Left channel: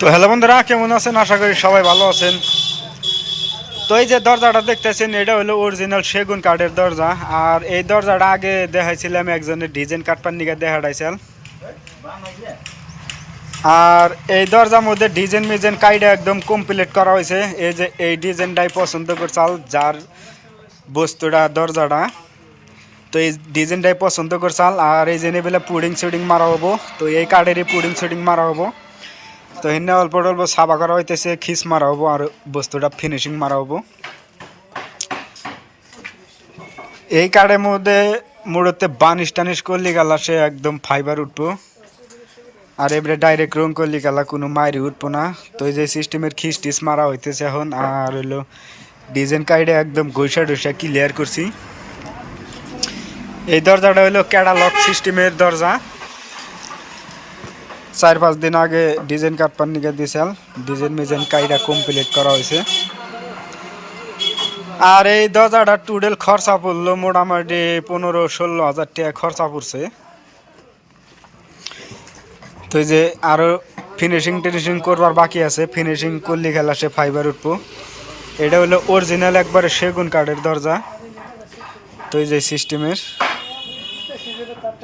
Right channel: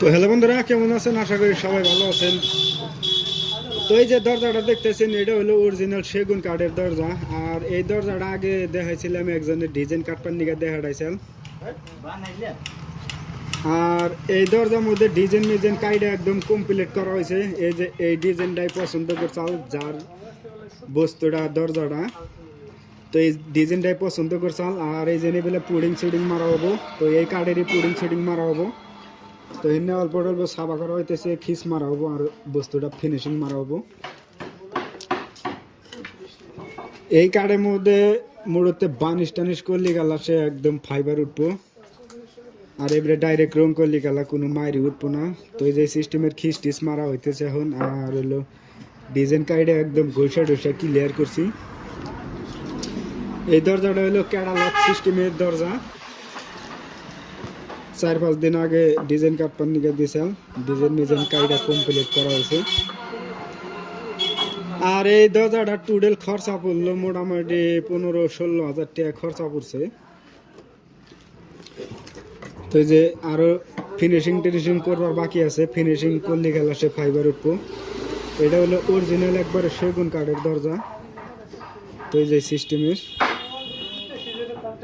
তো হ্যালো বন্ধুরা, কেমন আছেন? আশা করি সবাই ভালো আছেন। তো এই যে দরজাটা দেখতেছেন, এটা হলো অরিজিনাল সেগুন কাঠের দরজা। আর এই দরজাটা আগে দেখাইছিলাম একজনের ডিজাইন কাটপার নিকে দেখাইছিলাম। আর এই দরজার মধ্যে ডিজাইন মিজাইন কাইডা একদম কমপ্লিট করা হয়েছে। এই যে এই ডিজাইনটাই পছন্দ করছাল যার বস্তুটা দরজাটা, তো এই ডিজাইনটাই পছন্দ করছাল। আর এই যে বেলা পুডিং শুডিং মারা হবো, তো এই কাঠেরই পুডিং শুডিং মারা হবো। তো এনে অল্প অল্প সাবা করা হইতেছে, খিস মারা হবো আর বস্তুটা ফিনিশিং মারা হবো। এই কাঠের মধ্যে মুড়োতে বানিশ টানিশ করলি গেলা সে একদম ফাইবার উঠবো। আর এবারে ডাইরেক্ট রং করলি গেলা কোনো মাইরি উঠবো না। তো এই যে সিস্টেমের খিস টিস মারা হইতেছে এখন। আর হইলো ডিজাইন কাইডে একদম ঘষা ডসা ক্লিয়ার করছি। এই দরজাটা হইলো ক্যাটালগ সিস্টেমের দরজা। 4-5 দিন আগে ডিজাইন কাটপার নিকে দিয়েছিল, ডিজাইন মিজাইন কাইডা কমপ্লিট করা হয়েছে। আর এই দরজাটা টোটাল খরচা পড়লো মোটামুটি 15-16 হাজার টাকা খরচা পড়ছে। তো এই যে আরও ফিনিশিং টিনিশিং করবার বাকি আছে, ফিনিশিং করলে খেলা সে ফাইবার উঠবো। এটা হলো অরিজিনাল একবারে সেগুন কাঠের দরজা। তো এই যে সিস্টেমের,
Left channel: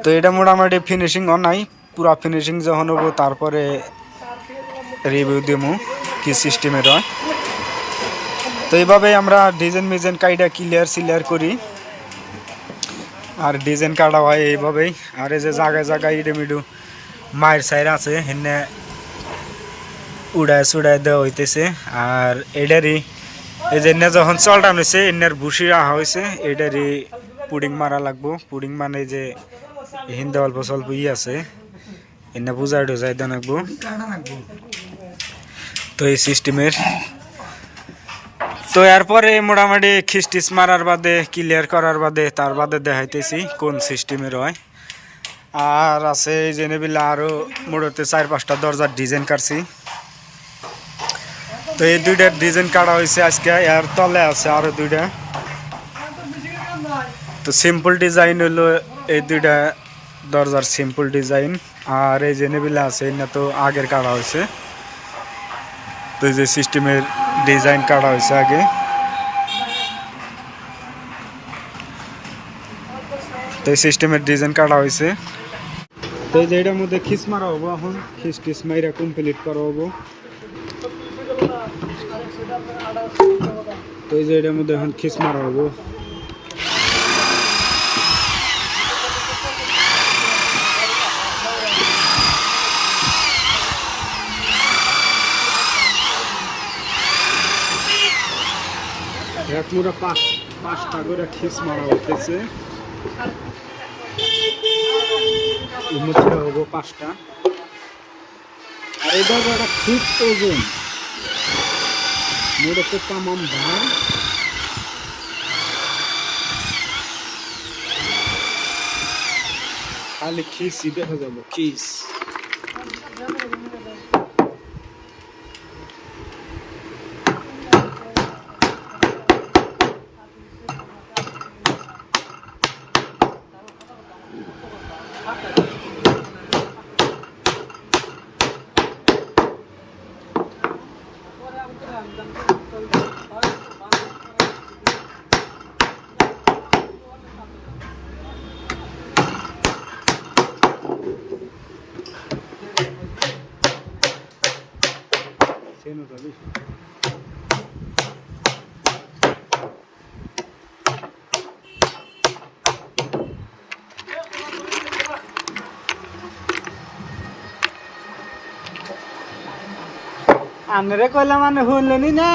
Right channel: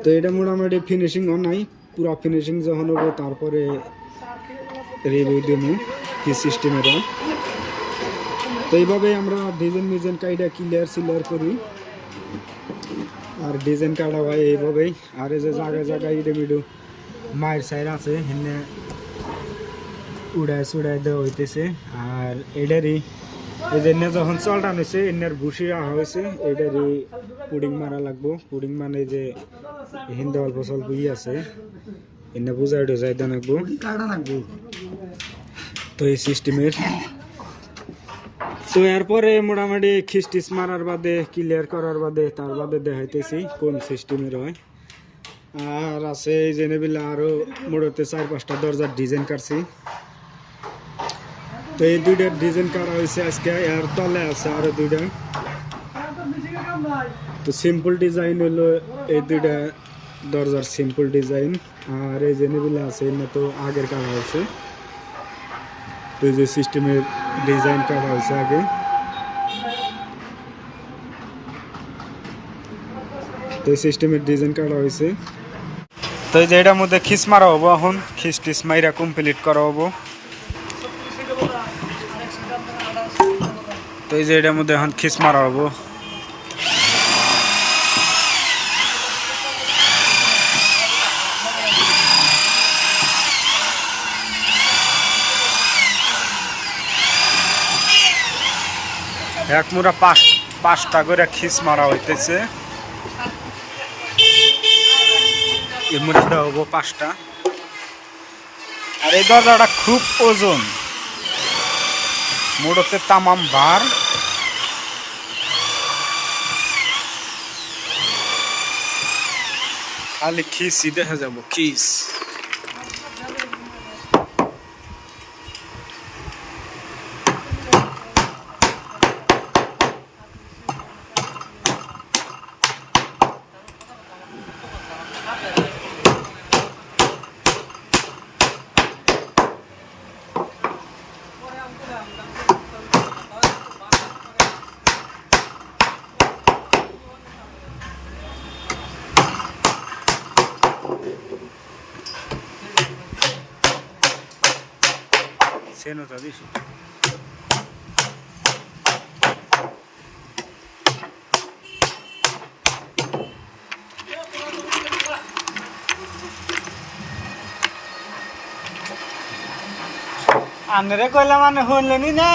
তো এটা মোটামুটি ফিনিশিংও নাই, পুরা ফিনিশিং যখন হবো তারপরে রিভিউ দেবো কি সিস্টেমের হয়। তো এইভাবে আমরা ডিজাইন মিজাইন কাইডা ক্লিয়ার করি। আর ডিজাইন কাটা হয় এইভাবেই। আর এই যে জায়গায় জায়গায় ইডেমিডু মায়ের সাইড আছে, এনে উড়ায় চুড়ায় দেওয়া হইতেছে। আর এটারই এই যে এনে যখন চলটান হয়েছে, এনার ভুসি রাখা হয়েছে, এটারই পুডিং মারা লাগবো। পুডিং মানে যে হিন্দে অল্প স্বল্প আছে, এনে বুঝাই টুজাই দেওয়া লাগবো। তো এই সিস্টেমের, তো এরপরে মোটামুটি খিস্টিস মারার বাদে ক্লিয়ার করার বাদে তার বাদে দেখাইতেছি কোন সিস্টেমের হয়। আর আছে এই জেনেবিলা আরও মোটামুটি 4-5টা দরজার ডিজাইন কাটছি। তো এই দুইটার ডিজাইন কাটা হয়েছে আজকে। এর তলে আছে আরও দুইটা। তো সিম্পল ডিজাইন হলো এই দুইটা দরজার সিম্পল ডিজাইন। আর এই জেনেবিলা আছে না, তো আগের কাটা হয়েছে। তো এই যে সিস্টেমের ডিজাইন কাটা হয়েছে আগে। তো এই সিস্টেমের ডিজাইন কাটা হয়েছে। তো এই যে এটার মধ্যে খিস মারা হবো, এখন খিস টিস মাইরা কমপ্লিট করা হবো। তো এই যে এটার মধ্যে এখন খিস মারা হবো। এক মুড়া 5টা করে খিস মারা হইতেছে। এই মুড়াটা হবো 5টা। আর এই দরজাটা খুব ওজন, মোড়তে তামাম ভার। খালি খিসই দেখা যাবো, খিস। সেনোটা দিছি। আনরে কইলাম মানে শুনলেনি না।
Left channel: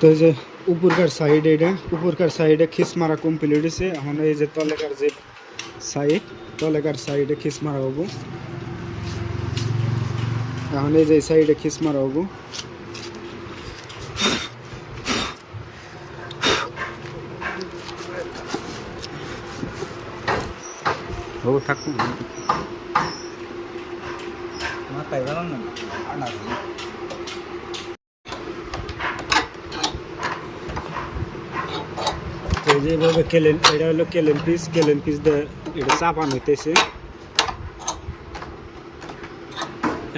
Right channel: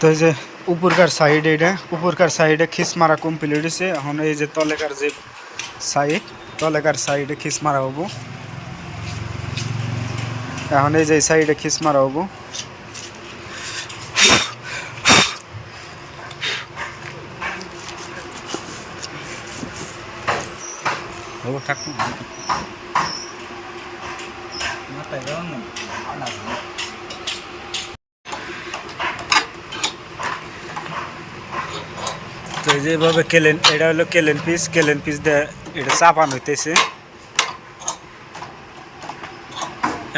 তো এই যে উপরকার সাইডে, এটা উপরকার সাইডে খিস মারা কমপ্লিট হয়েছে। এখন এই যে তলেকার যে সাইড, তলেকার সাইডে খিস মারা হবো। এখন এই যে সাইডে খিস মারা হবো। হবো থাকুন মাথায় গেল না। তো এই যেভাবে কেলেন, এটা হলো কেলেন পিস দিয়ে এটা চাপানো হইতেছে।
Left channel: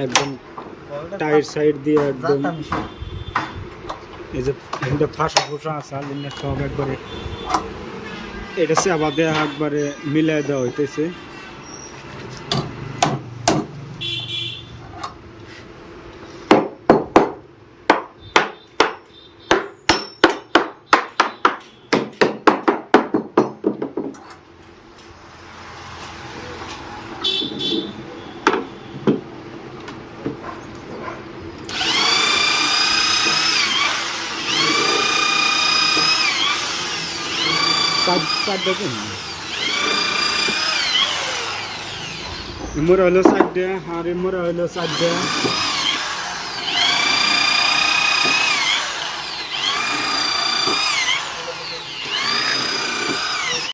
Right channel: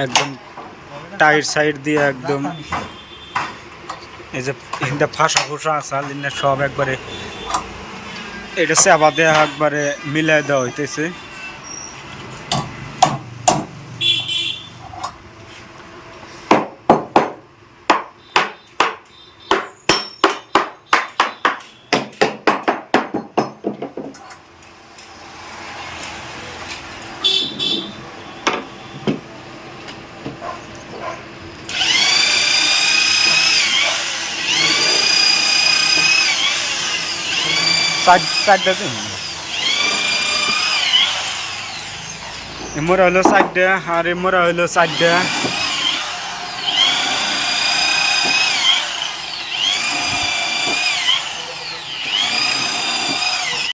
একদম টাইট সাইড দিয়ে একদম এই যে হিন্দা ফাঁসা ফোসা আসাল ইন্না সব একবারে এটা চাপা দেওয়া একবারে মিলাই দেওয়া হইতেছে। মোরা হলো 4টা আর মোরা হলো 4টা।